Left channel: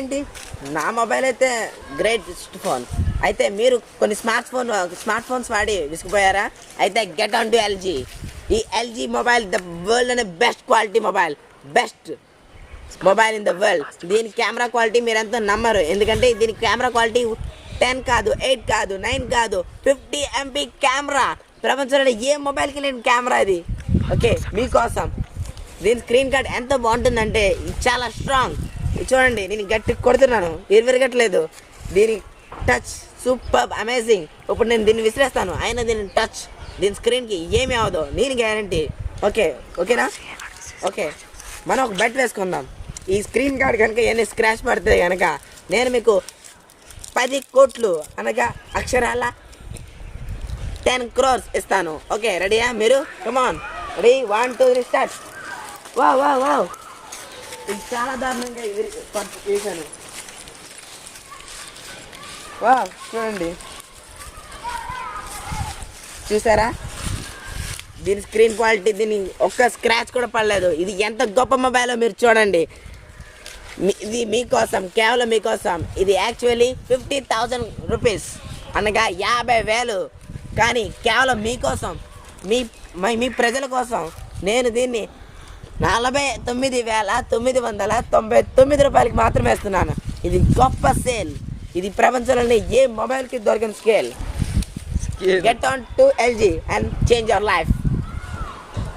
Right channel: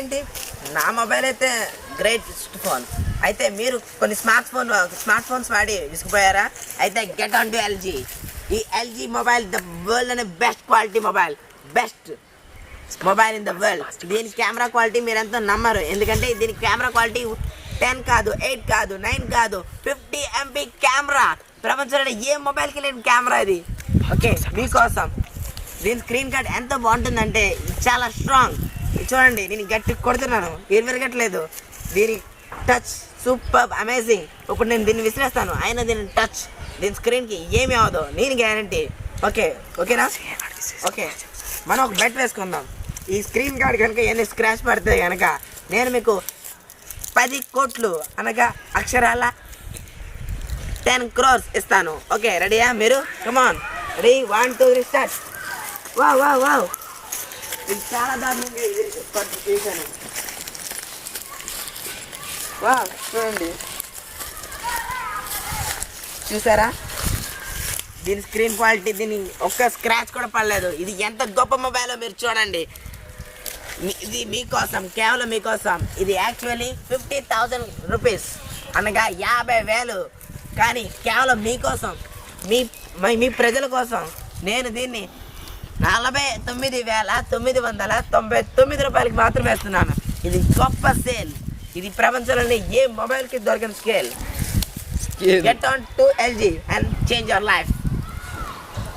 ఏంటి, నా మొబైల్ అయితే గ్రేటెస్ట్ ఫోన్. అయితే మీరు కొన్ని స్మార్ట్ ఫోన్స్ వాడి విసిగిపోయారా? అయితే గెట్ ఆన్ టు ఎల్జీ. ఈ ఎల్జీ మొబైల్ ద వరల్డ్ అనే best quality mobile, best mobile in the world. దీని కెమెరా క్వాలిటీ మీరు ఎంతో నమ్మరు, ఎందుకంటే దీని కెమెరా క్వాలిటీ 10 కాదు, 8 కాదు, 9 కాదు, 50 MP కెమెరా. ప్రపంచంలో ఏ మొబైల్కి లేని కెమెరా ఇది. ఓకే, మీకోసం. దీని స్క్రీన్ కార్డ్ ఎంత బాగుంటుందంటే చాలా స్ట్రాంగ్. చూడండి, నేను గట్టి కొడుతున్నాను, విరగట్లేదు. దీని టచ్ సూపర్ అమేజింగ్. ఇప్పుడు నేను దీన్ని విసిరేస్తాను, అయినా దీని టచ్ దీని స్క్రీన్కి ఏమి అవ్వదు, నేను గ్యారంటీ. ఓకేనా? ఓకే, మనం ఒక బెట్ వేసుకుందాం. ఈ స్క్రీన్ కార్డ్ కనుక ఎన్ని స్క్రాచ్ పడితే కనుక నేను మీకు 10 కోట్లు అనగా అక్షరాల 10 crores ఇస్తాను. ఓకే, రెడీయా మీరు? కమాన్, రెడీ, 1 2 3 స్టార్ట్. వావ్, ఇది చాలా దారుణంగా చూశాను. చూడండి, చూసారా దీని స్క్రీన్ క్వాలిటీ? దీని ఒక్క స్క్రాచ్ కూడా పడలేదు. ఇది ఎంత గొప్ప మొబైల్ మీరు చూడండి. ఇది మీకోసం, కేవలం మీకోసం. ఇది యాక్చువల్లీ 50,000 రూపీస్ అనగా 50,000, కానీ కేవలం మీకోసం, మీ ప్రజల కోసం నేను దీన్ని 49,999 రూపాయలకి మాత్రమే ఇస్తున్నాను. ఇది గొప్ప సేల్. ఇది ప్రపంచంలోని ఏ మొబైల్కి దొరకని scale. Get on to LG and change your life.